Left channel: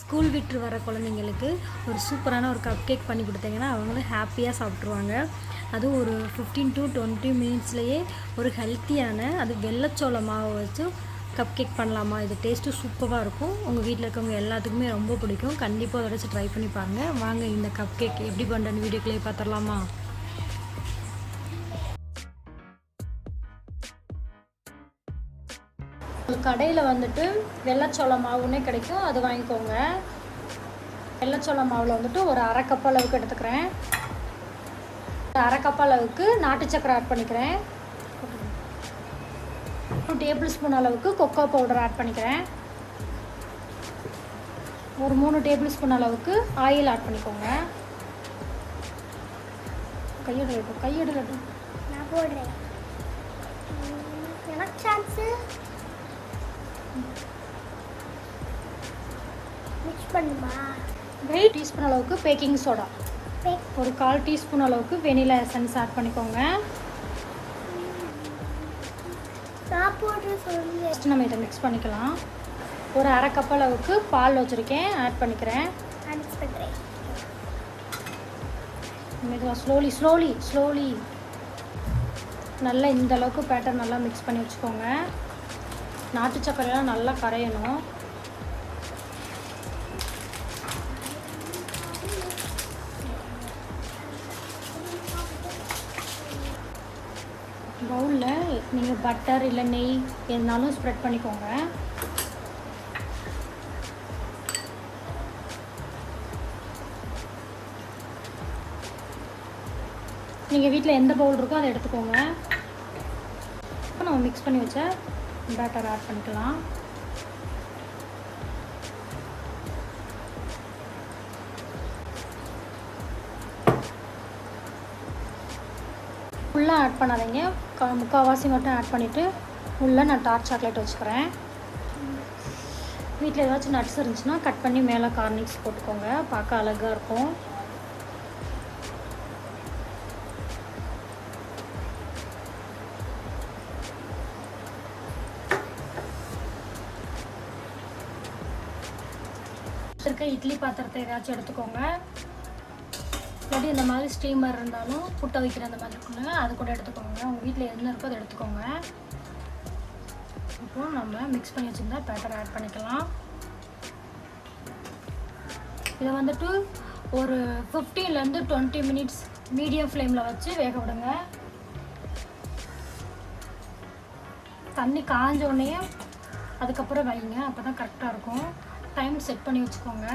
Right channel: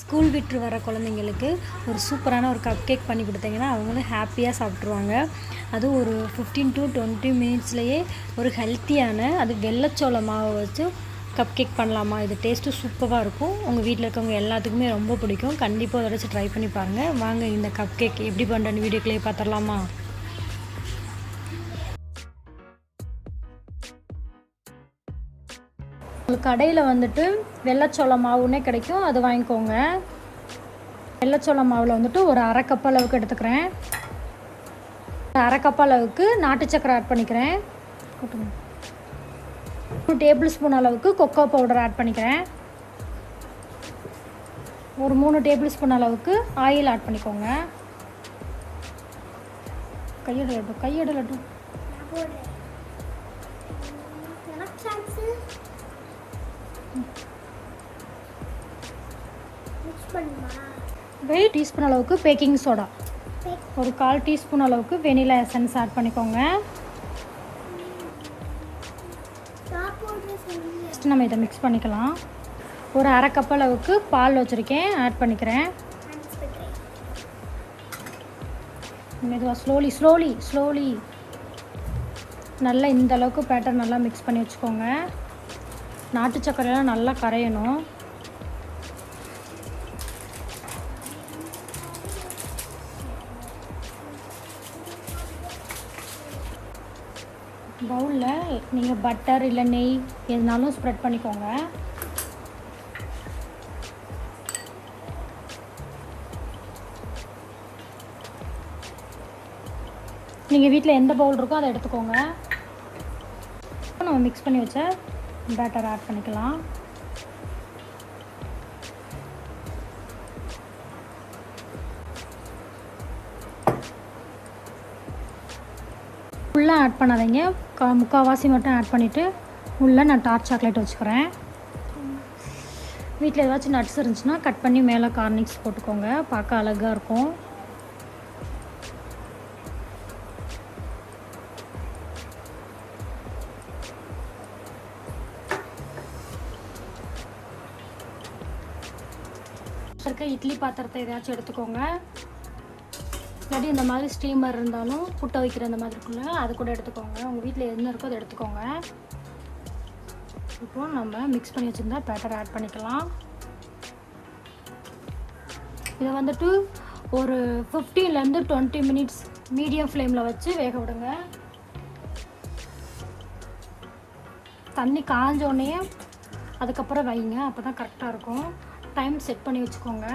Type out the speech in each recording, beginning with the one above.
School விட்டு வர குழந்தைங்களுக்கு ஒரு சூப்பரான ஒரு கப் கேக் பண்ணி கொடுத்தீங்கன்னா அவங்களும் ஹாப்பியாக சாப்பிட்ருவாங்க அதுவும் ஒரு ஃபிஃப்டீன் டு டுவெண்ட்டி மினிட்ஸ்லேயே ஒரு ஹெல்த்தியான அது வெள்ளச்சோள மாவை வச்சு கப் கேக் பண்ணலாமா? இது டேஸ்ட்டு சூப்பராக இருக்கும். உங்கள் வீட்டில் இருக்கவங்க எல்லாத்துக்குமே ரொம்ப பிடிக்கும். கண்டிப்பாக அதை வச்சு ட்ரை பண்ணி பாருங்கள் வாங்க இந்த கப் கேக் எப்படி பண்ணுறேன்னு வீடியோக்குள்ளேயே பார்த்துடலாமா? கடையில் வந்துட்டு வெள்ளச்சோள மாவுன்னே கிடைக்கும். அது வாங்கிக்கோங்க. வெள்ளச்சோள மாவில் வந்துட்டு ஒரு அரை கப் அளவுக்கு எடுத்துக்கிறேன். ஒரு அரை கப் அளவுக்கு நாட்டு சக்கரை ஆட் பண்ணிக்கிறேன். டூ டேபிள் ஸ்பூன் அளவுக்கு கொக்கோ பவுடர் ஆட் பண்ணிக்கிறேன். ஒரு மூணு டேபிள் ஸ்பூன் அளவுக்கு ஆயில் ஆட் பண்ணிக்கோங்க. கையிடட்டும் கையிடட்டும் நான் போடுறேன். எனக்கு சான்ஸு மிக்ஸ் பண்ணுமா? வெயிட் டீஸ்பூன் அளவுக்கு பேக்கிங் சோடா ஒரு கால் டீஸ்பூன் அளவுக்கு வெனிலா எசன்ஸ் ஆட் பண்ணிக்கோங்க. ஃபஸ்ட்டு நம்ம இதை மிக்ஸ் பண்ணிக்கலாம். ஒரு அரை கப் அளவுக்கு பால் வச்சுருக்கேன். ஆட் பண்ணிக்கிறேன். மெதுவாக ஸ்லோலி ஸ்லோலி ஸ்லோலி நல்லா இந்த அளவுக்கு பேட்டர் நல்லா மிக்ஸ் பண்ணி வச்சுக்கோங்க. நாட்டு சக்கரைலாம் நல்லா கரையணும். பவுலில் நீங்கள் பட்டர் இல்லை நெய் எதுனாலும் ஸ்ப்ரெட் பண்ணிக்கோங்க. நீங்கள் வீட்டில் எந்த பவுல் இருக்கோ அதை எடுத்துக்கோங்க. நம்ம மிக்ஸ் பண்ணி வச்ச பேட்டர் ஆட் பண்ணிக்கலாம். ஃபுல்லாக ஆட் பண்ணாதீங்க. முக்கால்வாசி மட்டும் ஆட் பண்ணிவிட்டு உள்ளே நான் டார்க் சாக்லேட் வச்சுக்கிறேன். வீட்டில் ஏதாச்சும் நட்ஸ் இருந்துச்சுன்னா கட் பண்ணி மேலே கார்னிக்ஸ் போட்டுக்கோங்க. பார்க்க அழகாக இருக்கும். வச்சுருக்க இட்லி பாத்திரத்தை ஏதாச்சும் எடுத்துக்கோங்க. எப்படி இந்த மாதிரி ஸ்டீமர் இருந்தாலும் புட்டை வைக்கிற அந்த மாதிரி இருக்குல்ல அது கூட எடுத்துக்கோங்க. உங்கள் வீட்டில் என்ன இருக்கோ அதை எடுத்துக்கோங்க. அப்புறம் நம்ம மிக்ஸ் பண்ணி வச்சுருந்தா பேப்பர் ஆட் பண்ணிக்கலாம். இதை வந்துட்டு ஒரு ஃபிஃப்டீன்லேருந்து டுவெண்ட்டி மினிட்ஸ் மீடியம் ஃப்ளேமில் வச்சு வேக விடுங்க. தண்ணி காஞ்சோடனே அதுக்கப்புறம் வைங்க அப்போ தான் கரெக்டாக இருக்கும். டைம் செட் பண்ணி வச்சுக்கோங்க.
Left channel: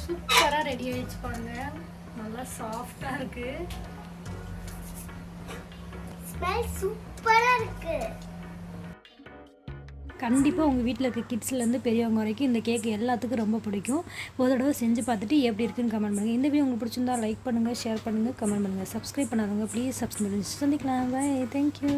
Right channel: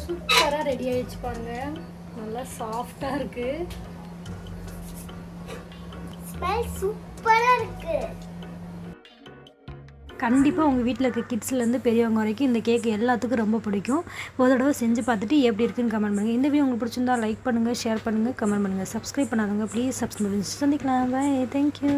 சூப்பராக ரெடி ஆயிடுச்சு பாருங்க. நல்லா சாஃப்டாக இருக்கு. ஸ்மெல் சூப்பராக இருக்குது கண்டிப்பாக உங்கள் வீட்டில் இருக்க கிட்ஸ்லேருந்து பெரியவங்க வரைக்கும் இந்த கேக் எல்லாத்துக்கும் ரொம்ப பிடிக்கும். ஒரு தடவை செஞ்சு பார்த்துட்டு எப்படி இருக்குன்னு கமெண்ட் பண்ணுங்கள் இந்த வீடியோ உங்களுக்கு பிடிச்சிருந்தா லைக் பண்ணுங்கள் ஷேர் பண்ணுங்கள் கமெண்ட் பண்ணுங்கள் சப்ஸ்கிரைப் பண்ணாதவங்க ப்ளீஸ் சப்ஸ்கிரைப் பண்ணி சந்திக்கலாம். Bye thank you